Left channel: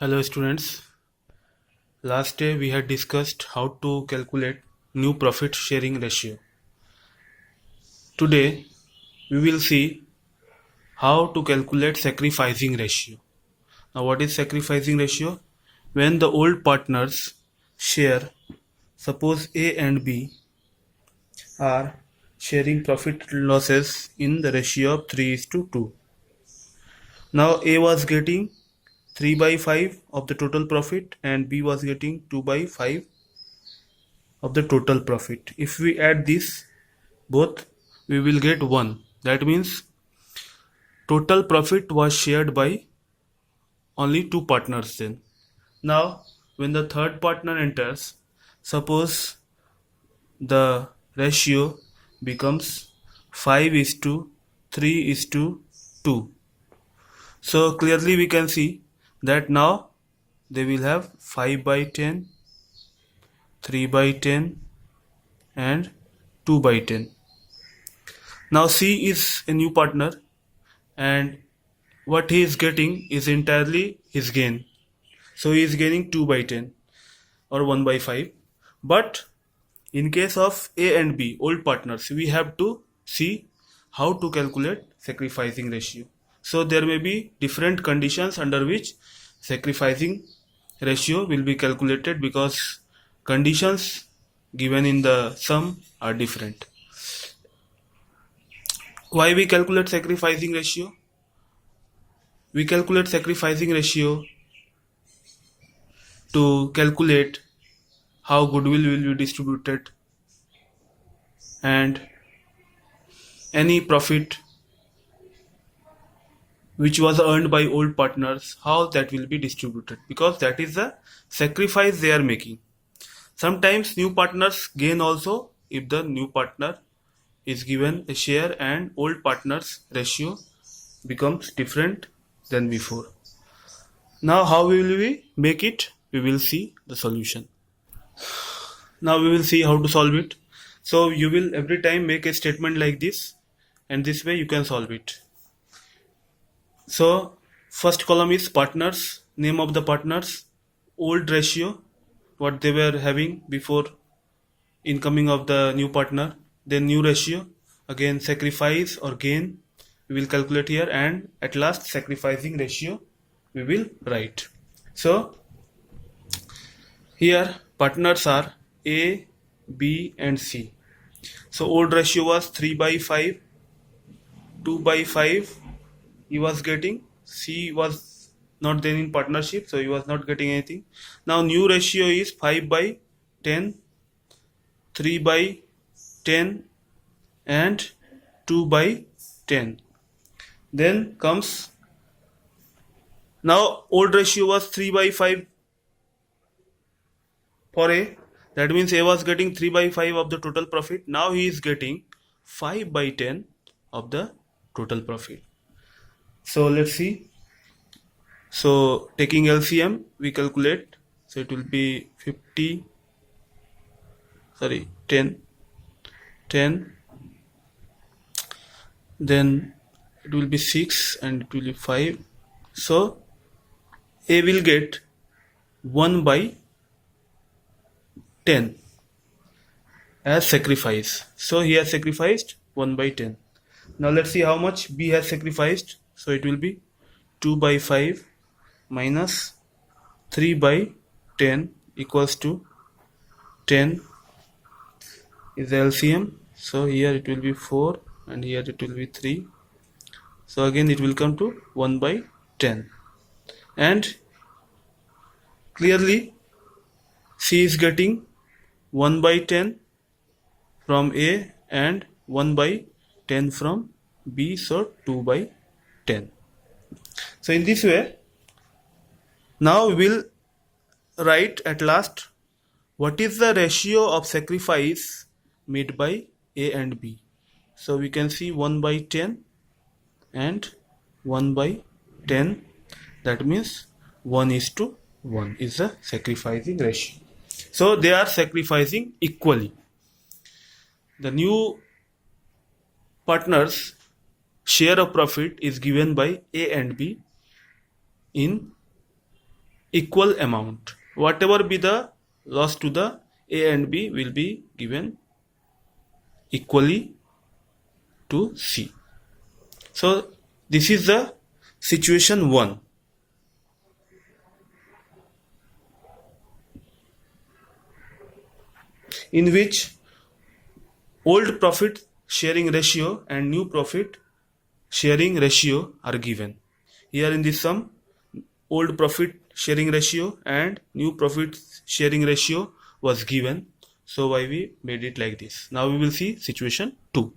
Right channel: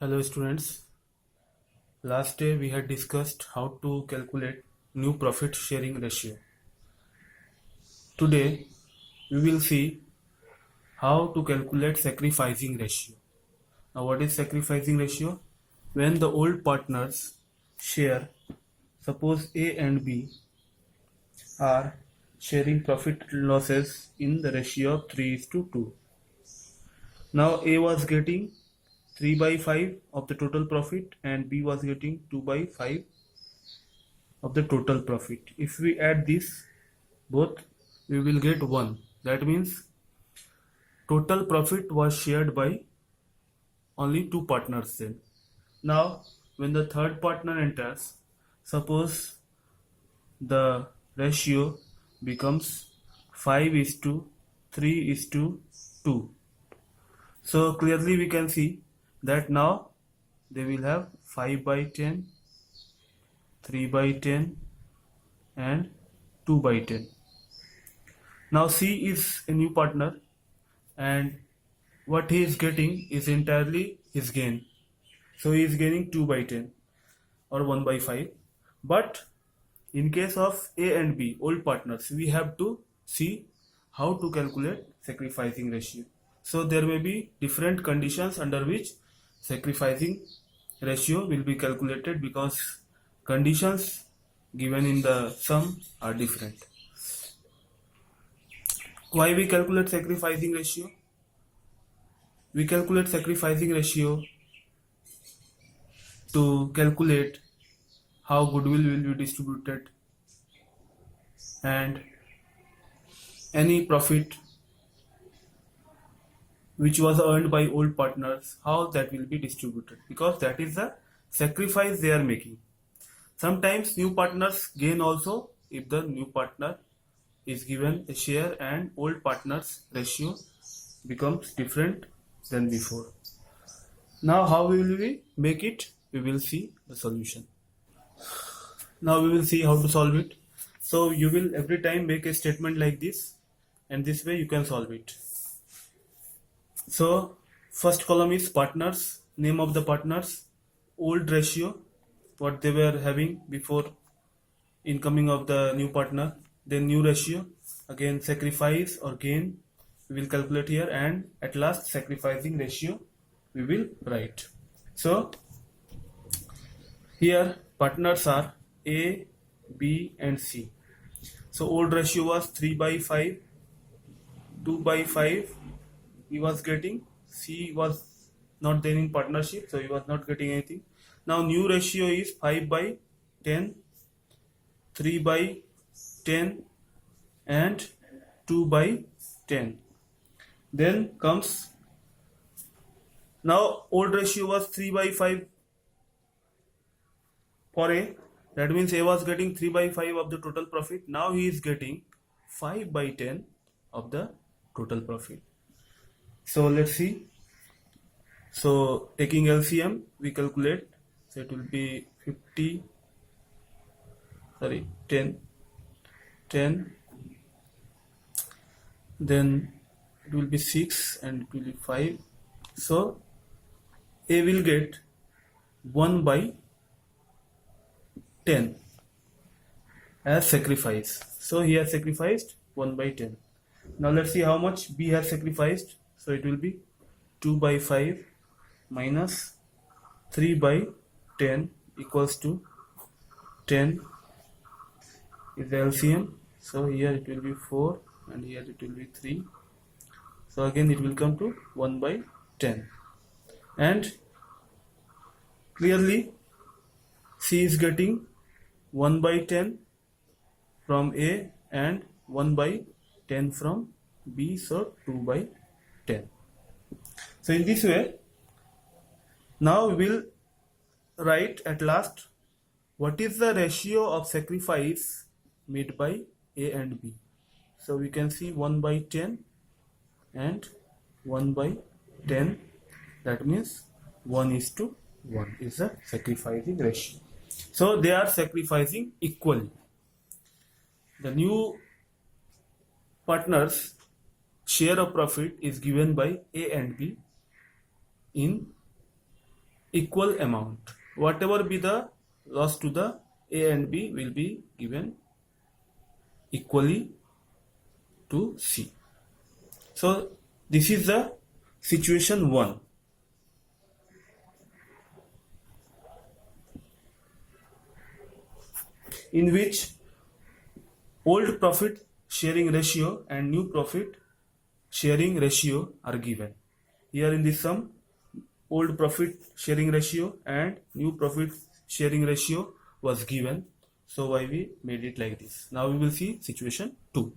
Hello students, last day we had discussed how to calculate new profit sharing ratio. Today we will see how to calculate sacrificing ratio. Now what is sacrificing ratio? When the old partners share, suppose A and B are sharing profit losses in the ratio of 3 is to 2. Now A was getting 3 by 5 of the total profit and B was getting 2 by 5 of the total profit. If we add this both, we will get 1. That means total profit was shared by only two partners then. Now when the third partner enters, suppose the ratio becomes 5 is to 3 is to 2. So clearly we can see that now they will have 5 by 10, 3 by 10 and 2 by 10. Now C is a new partner and what he is getting is entirely his gain. So he is gaining 2 by 10 or 1 by 5. But in case of A and B, old partners, we have to see how to calculate sacrificing ratio. So there may be different conditions under which sacrificing ratio will be calculated because conditions given in the sum are different. Why we calculate sacrificing ratio? We calculate sacrificing ratio to calculate how goodwill will be distributed and any profit which was earned by old partners, how that will be distributed, because that is the sacrifice they are making. Sometimes new partners gain also if the new partner is given a share and old partners ratio becomes different than before. Now how will we make it? We will see the solution. Now we will see how to solve it. So you will every time make a statement like this and this way you can solve it. So first column is partners, name of the partners, old ratio, what they were having before incoming of the new partner, then new ratio, again sacrifice or gain we will calculate here, and at last sacrificing ratio we will write. So here partners are A, B and C. So old ratio was 3 by 5, 2 by 5 he was getting. C was not there in partnership, so he was not getting anything. Now new ratio is 5 by 10, 3 by 10 and 2 by 10. Then comes, now old ratio was 3 by 5 for A. That means A was getting 3 by 5 of the total profit. Now he is getting 5 by 10 of the total profit. So let's see. So taking LCM we calculate. So it will be 10, then it will be 6 and it will be 5. So A will get 1 by 10 as sacrifice. So he has sacrificed 1 by 10. Now let's see how much B has sacrificed. So it will be 2 by 5 minus 3 by 10 equals to 10 is the LCM. So here it will be 4 and here it will be 3. So again it will come to 1 by 10. And clearly C is getting 1 by 10 from A and 1 by 10 from B, so 2 by 10. So in this way, now we will write at last what is the ratio of sacrifice made by A and B. So we can see 1 by 10 and 1 by 10. That means 1 is to 1 is the sacrificing ratio. So they are sacrificing equally. The new partners share of profit is given by A and B in equal amount. Whatever be the loss to the A and B will be given equally to C. So this is the situation 1. In which old profit sharing ratio and new profit sharing ratio are given. Here in this sum, old profit sharing ratio and new profit sharing ratio was given. So why we made it like this. Now we will see situation 2.